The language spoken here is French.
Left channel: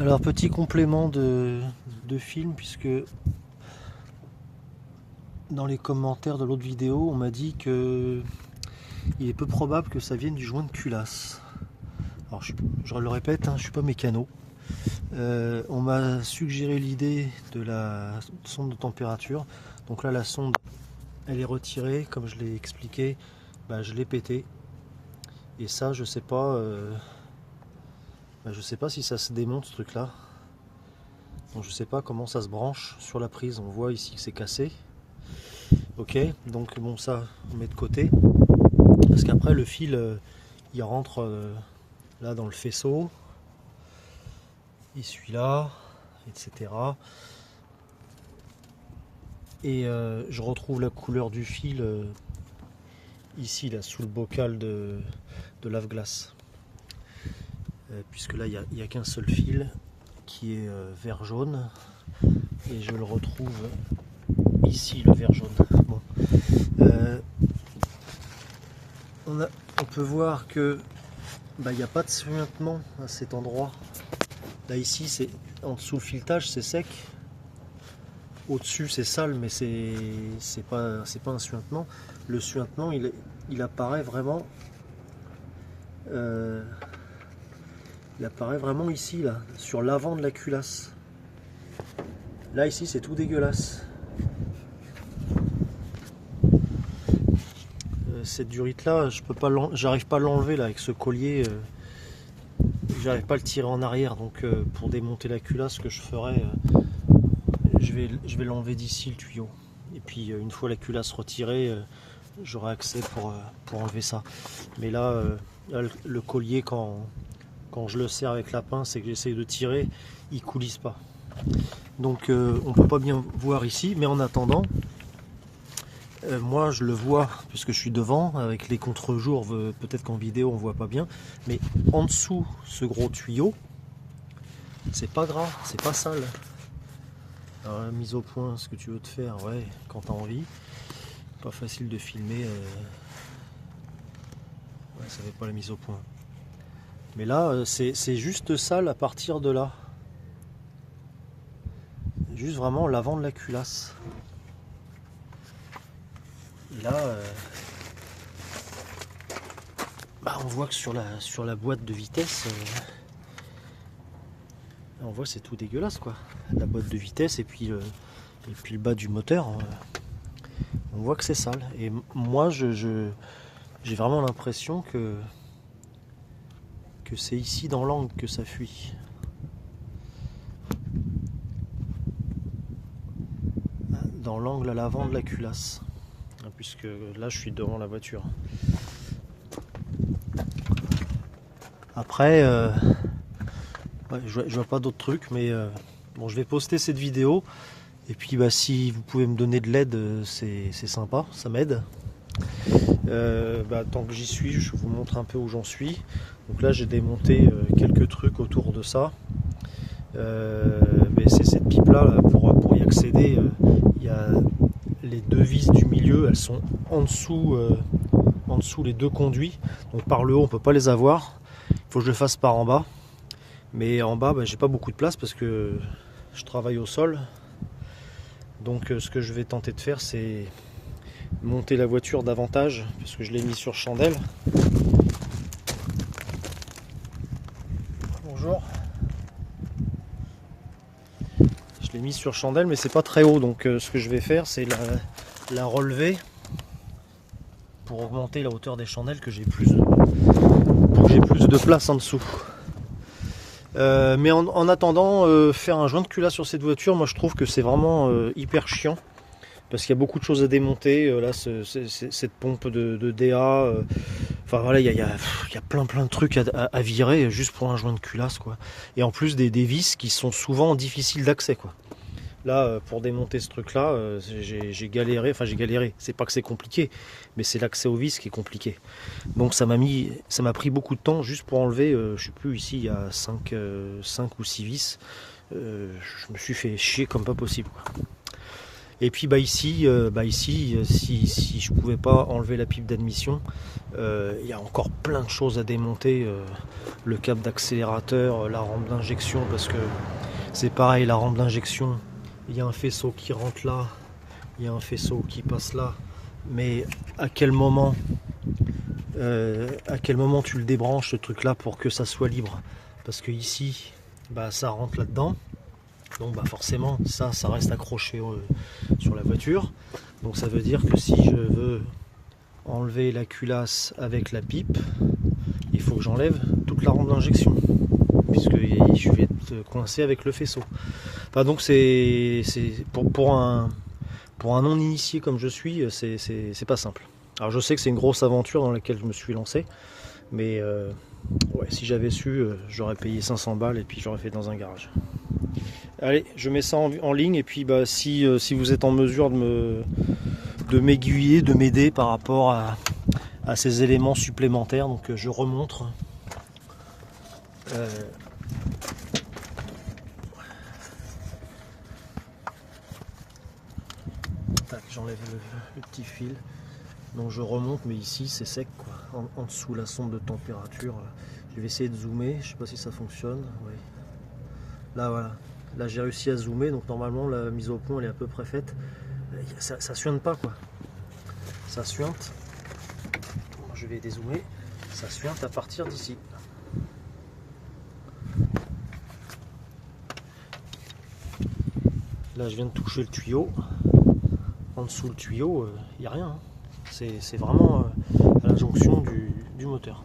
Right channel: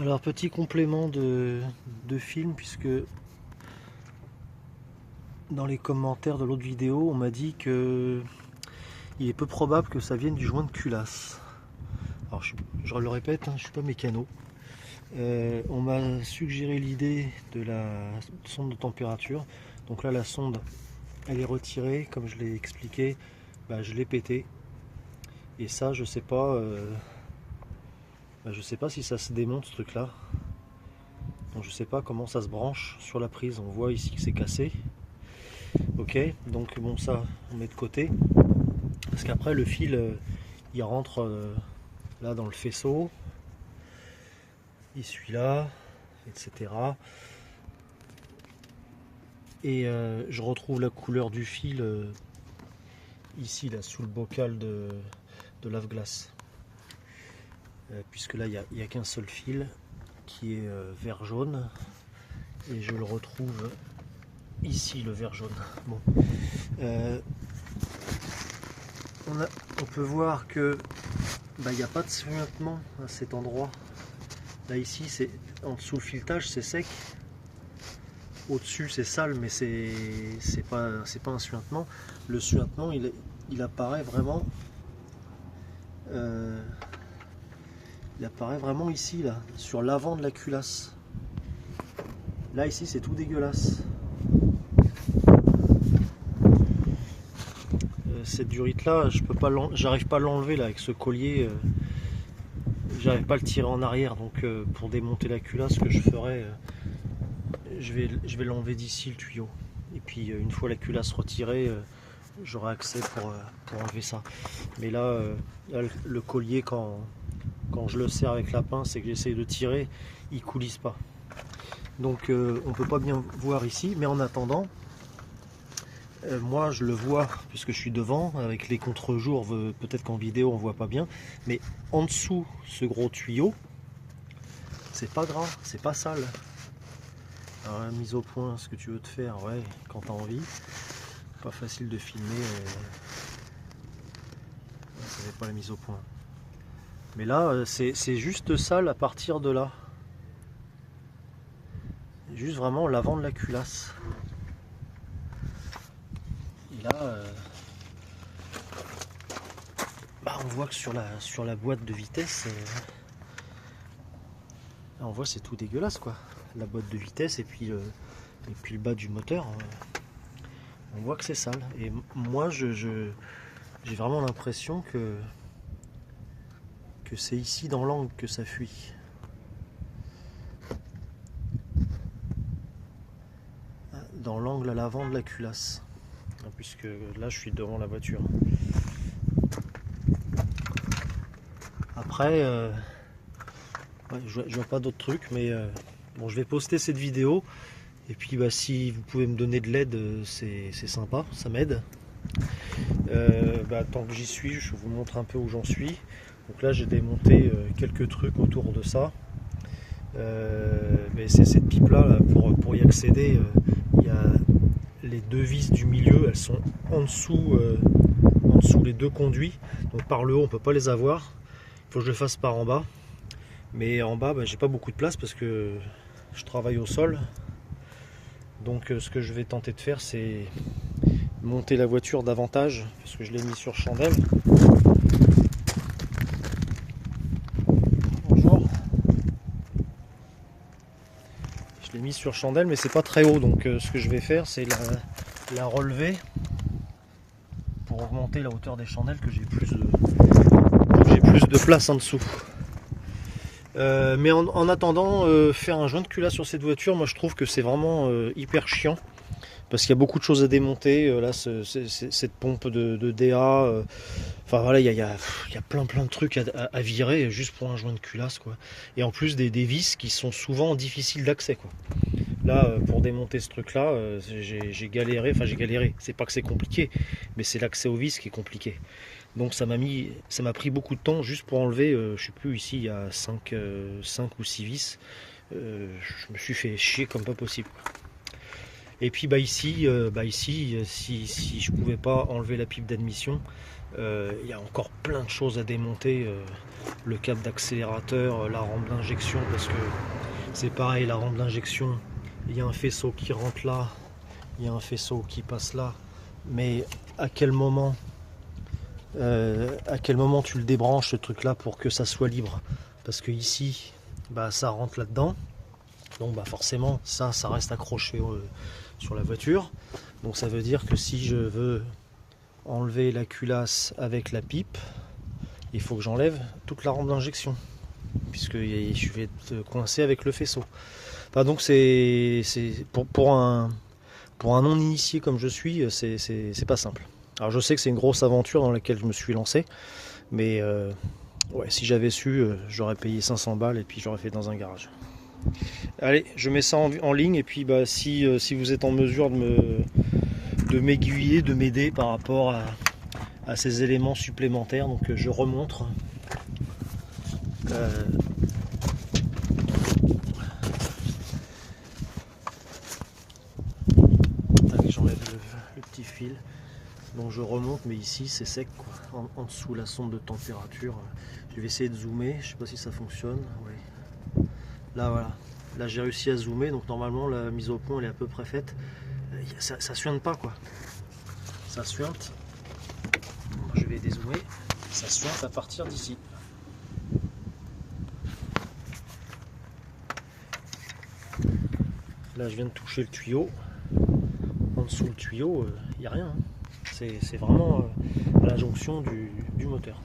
Alors petit complément de film, puisque dans les commentaires de l'autre vidéo on m'a dit que il est peu probable que ça vienne du joint de culasse. Alors je le répète, hein, je suis pas mécano. On m'a suggéré l'idée de la sonde de température. Donc là la sonde elle est retirée, comme je l'ai expliqué, je l'ai pété. Et ça je sais pas si ça se démonte ce truc là. Donc je sais pas comment ça se branche sur la prise. On voit ici que c'est cassé. Ok, donc bon, ça on met de côté parce qu'après le fil il rentre là dans le faisceau, il suit là, etc. Et je retrouve la couleur du fil ici là sous le bocal de lave-glace, puisque là il n'y a qu'un seul fil qui est vert jaune, et je le retrouve ici, le vert jaune. Bon. On peut voir que il n'y a pas de suintement à cet endroit. Là ici, c'est en dessous le filetage, c'est sec. Au-dessus, c'est sale, mais c'est pas un suintement. Le suintement, il apparaît vraiment. Il apparaît vraiment ici, là, sur l'avant de la culasse. Là ici, c'est tout dégueulasse. Cette durite là, j'arrive pas à l'enlever là avec ce collier, j'arrive pas à le tirer en arrière, donc pour démonter la culasse, ce que je ferai, je vais l'enlever d'ici le tuyau, et puis une fois la culasse retirée, j'aurai accès pour enlever ça. Mais là, le collier, quand je le serre avec la pince et que j'essaie de tirer, il coulisse pas, donc on peut pas bien voir ici, mais en attendant, moi je le vois puisque je suis devant avec les contre-jours, peut-être qu'en vidéo on voit pas bien, mais en dessous ce gros tuyau, c'est pas gras, c'est pas sale. Alors la mise au point, ce que tu veux te faire, ouais, quand t'as envie, pas facile de filmer, ouais, ça fait pas la mise au point. Mais là c'est juste sale à partir de là, juste vraiment l'avant de la culasse. Et là, on voit que sur la boîte de vitesse, on voit c'est tout dégueulasse quoi. La boîte de vitesse et puis le bas du moteur, on voit que c'est sale. Et moi, j'ai vraiment l'impression que c'est ici dans l'angle que ça fuit. Dans l'angle à l'avant de la culasse, puisque là je suis devant la voiture. Après ouais, je vois pas d'autres trucs, mais bon, je vais poster cette vidéo, et puis si vous pouvez me donner de l'aide, c'est sympa, ça m'aide. Tant que j'y suis, je vous montre un peu où j'en suis. Donc là j'ai démonté quelques trucs autour de ça. Mais c'est cette pipe là, pour y accéder, il y a les deux vis du milieu, elles sont en dessous les deux conduits, donc par le haut on peut pas les avoir, il faut que je le fasse par en bas, mais en bas j'ai pas beaucoup de place parce que je travaille au sol. Donc ce que je vais tenter de faire, c'est monter la voiture davantage, parce que je l'ai mis sur chandelle. Bonjour. Je l'ai mis sur chandelle, mais c'est pas très haut, donc ce que je vais faire, c'est la relever pour augmenter la hauteur des chandelles, que j'ai plus de place en dessous. Mais en attendant, faire un joint de culasse sur cette voiture, moi je trouve que c'est vraiment hyper chiant, parce qu'il y a beaucoup de choses à démonter. Là, cette pompe de DA, enfin voilà, il y a plein de trucs à virer juste pour un joint de culasse quoi. Et en plus des vis qui sont souvent difficiles d'accès quoi. Là, pour démonter ce truc là, j'ai galéré, c'est pas que c'est compliqué, mais c'est l'accès aux vis qui est compliqué. Donc ça m'a pris beaucoup de temps juste pour enlever, je sais plus, ici il y a 5 ou 6 vis. Je me suis fait chier comme pas possible quoi. Et puis ici, si je pouvais pas enlever la pipe d'admission, il y a encore plein de choses à démonter. Le câble d'accélérateur, la rampe d'injection, parce que c'est pareil, la rampe d'injection, il y a un faisceau qui rentre là, il y a un faisceau qui passe là, mais à quel moment tu le débranches ce truc là pour que ça soit libre? Parce que ici, ça rentre là-dedans. Donc forcément ça reste accroché sur la voiture, donc ça veut dire que si je veux enlever la culasse avec la pipe, il faut que j'enlève toute la rampe d'injection, puisque je vais être coincé avec le faisceau. Enfin, donc c'est pour un non initié comme je suis, c'est pas simple. Alors je sais que c'est une grosse aventure dans laquelle je me suis lancé, mais ouais, si j'avais su, j'aurais payé 500 balles et puis j'aurais fait dans un garage. Allez, je mets ça en ligne, et puis si vous êtes en mesure de m'aiguiller, de m'aider par rapport à ces éléments supplémentaires, donc je remontre. J'enlève le petit fil, donc je remonte, mais ici c'est sec quoi. En dessous la sonde de température. Je vais essayer de zoomer, je sais pas si ça fonctionne. Oui. Là voilà. Là j'ai réussi à zoomer, donc normalement la mise au point elle est à peu près faite. Ça suinte pas quoi. Ça suinte. Je vais dézoomer. Ça suinte à partir d'ici. Là je viens de toucher le tuyau. En dessous le tuyau, il n'y a rien. Hein. C'est vraiment à la jonction du moteur.